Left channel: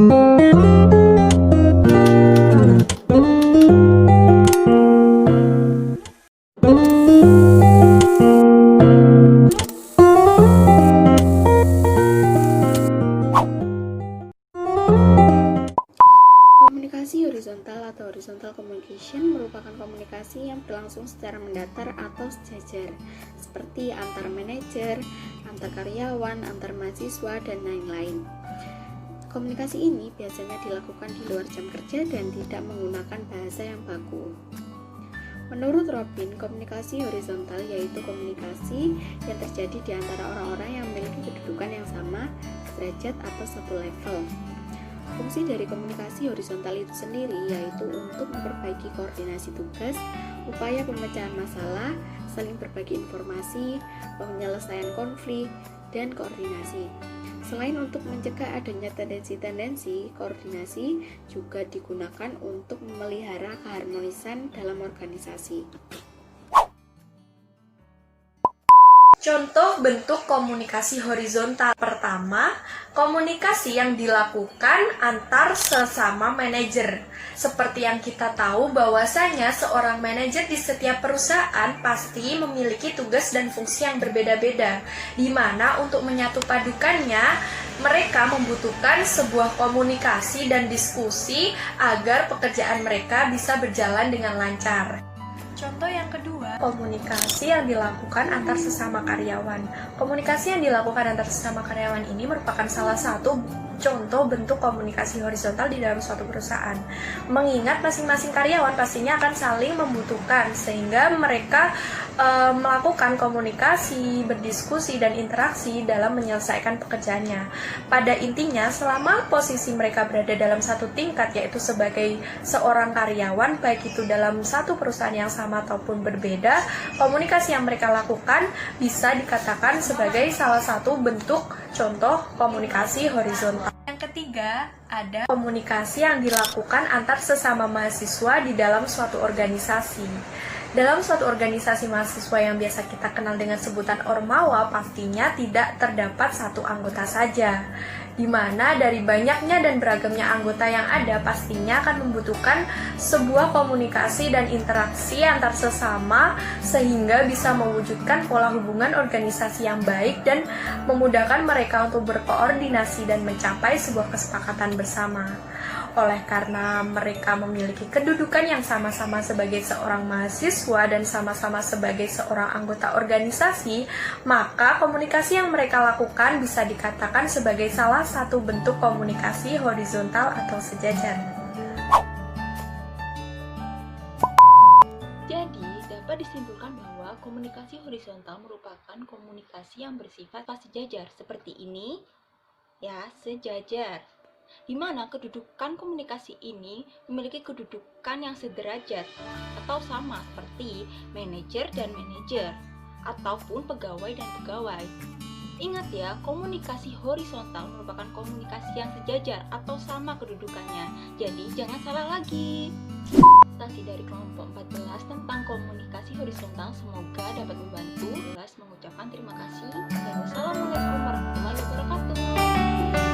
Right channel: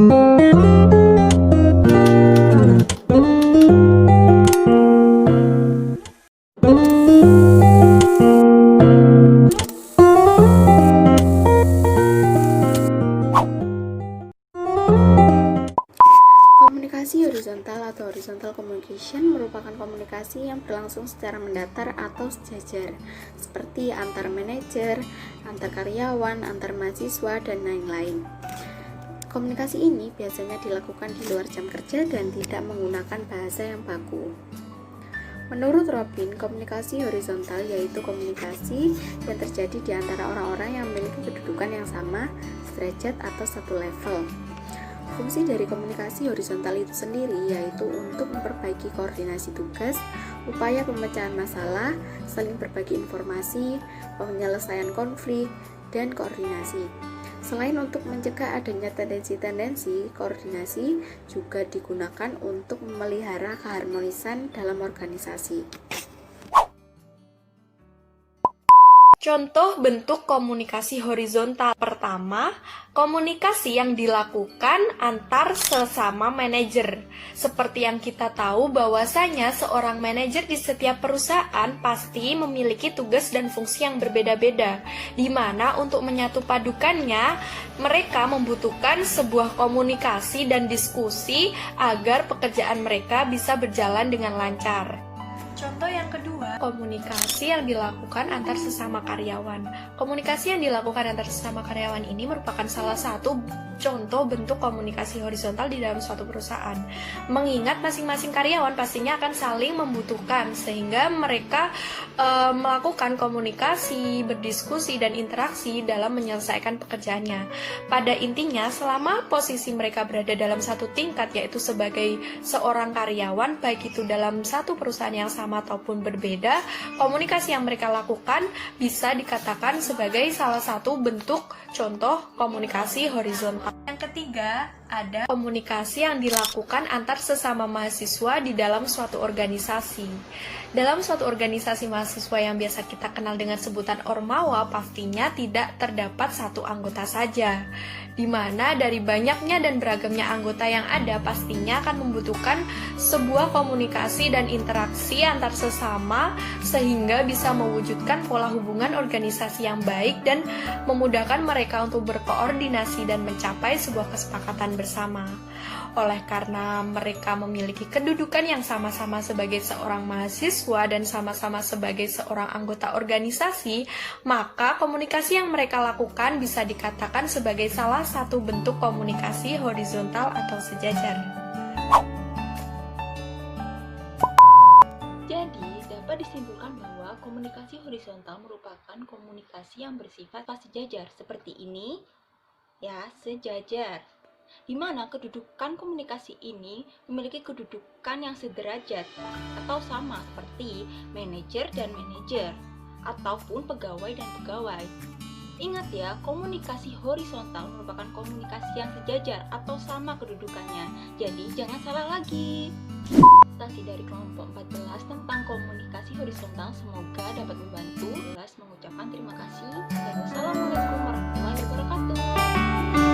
Komunikasi horizontal atau horizontal communication merupakan komunikasi yang berlangsung secara mendatar atau sejajar, seperti antar manajer, antar karyawan, antar mahasiswa, dan lain-lain. Komunikasi ini biasanya dilakukan di luar jam kerja dan tidak menggunakan bahasa yang baku. Menurut Robin, komunikasi horizontal yaitu komunikasi yang terjadi di antara orang-orang yang memiliki kedudukan yang sama, derajat atau satu level. Fungsi dari komunikasi horizontal itu sendiri yaitu untuk memperbaiki koordinasi tugas, upaya pemecahan masalah, saling berbagi informasi, penyelesaian konflik, dan koordinasi. Selain untuk mencegah adanya tendensi-tendensi, koordinasi juga digunakan untuk memelihara keharmonisan dalam organisasi. Contoh bentuk komunikasi horizontal. Pertama, komunikasi yang dilakukan antar sesama manajer. Seperti yang kita tahu bahwasanya seorang manajer di setiap perusahaan pasti memiliki tugas dan fungsi yang berbeda-beda, di mana untuk menyatu padukannya mereka membutuhkan sebuah komunikasi dan diskusi agar pekerjaan mereka bisa berjalan dengan lancar. Contoh yang kedua, komunikasi yang dilakukan antar sesama karyawan. Komunikasi yang dilakukan antar sesama karyawan ini merupakan salah satu contoh bentuk komunikasi horizontal di dalam suatu perusahaan. Mengingat masing-masing karyawan pastinya akan saling membutuhkan, sehingga mereka melakukan komunikasi, berdiskusi, dan interaksi dalam menyelesaikan pekerjaannya. Pada intinya, selama posisi mereka berada dalam satu tingkat, yaitu sebagai seorang karyawan, baik itu dalam satu perusahaan yang sama ataupun berbeda, komunikasi yang mereka lakukan bisa dikatakan sebagai salah satu bentuk contoh komunikasi horizontal. Yang ketiga, ada komunikasi yang dilakukan antar sesama mahasiswa di dalam suatu organisasi. Dalam suatu organisasi mahasiswa yang biasa kita kenal dengan sebutan Ormawa, pastinya tidak terdapat satu anggota saja, di mana dari banyaknya dan beragamnya anggota yang ada pastinya akan membutuhkan sebuah komunikasi dan interaksi antar sesama sehingga bisa mewujudkan pola hubungan organisasi yang baik dan memudahkan mereka untuk berkoordinasi dan mencapai sebuah kesepakatan bersama. Oleh karena mereka memiliki kedudukan yang sama-sama sebagai seorang mahasiswa dan sama-sama sebagai seorang anggota organisasi, maka komunikasi yang mereka lakukan bisa dikatakan sebagai salah satu bentuk komunikasi horizontal atau sejajar. Jadi, dapat disimpulkan bahwa komunikasi horizontal merupakan komunikasi yang bersifat sejajar seperti ini, ya, sejajar. Di mana kedudukan komunikasi ini memiliki kedudukan yang sederajat atau sama seperti manajer dan manajer ataupun pegawai dan pegawai. Ingat ya, komunikasi horizontal merupakan komunikasi yang sejajar atau sama kedudukannya. Jadi jangan salah lagi. Presentasi dari kelompok 14 tentang komunikasi horizontal semoga dapat membantu. Mengucapkan terima kasih dan wassalamualaikum warahmatullahi wabarakatuh.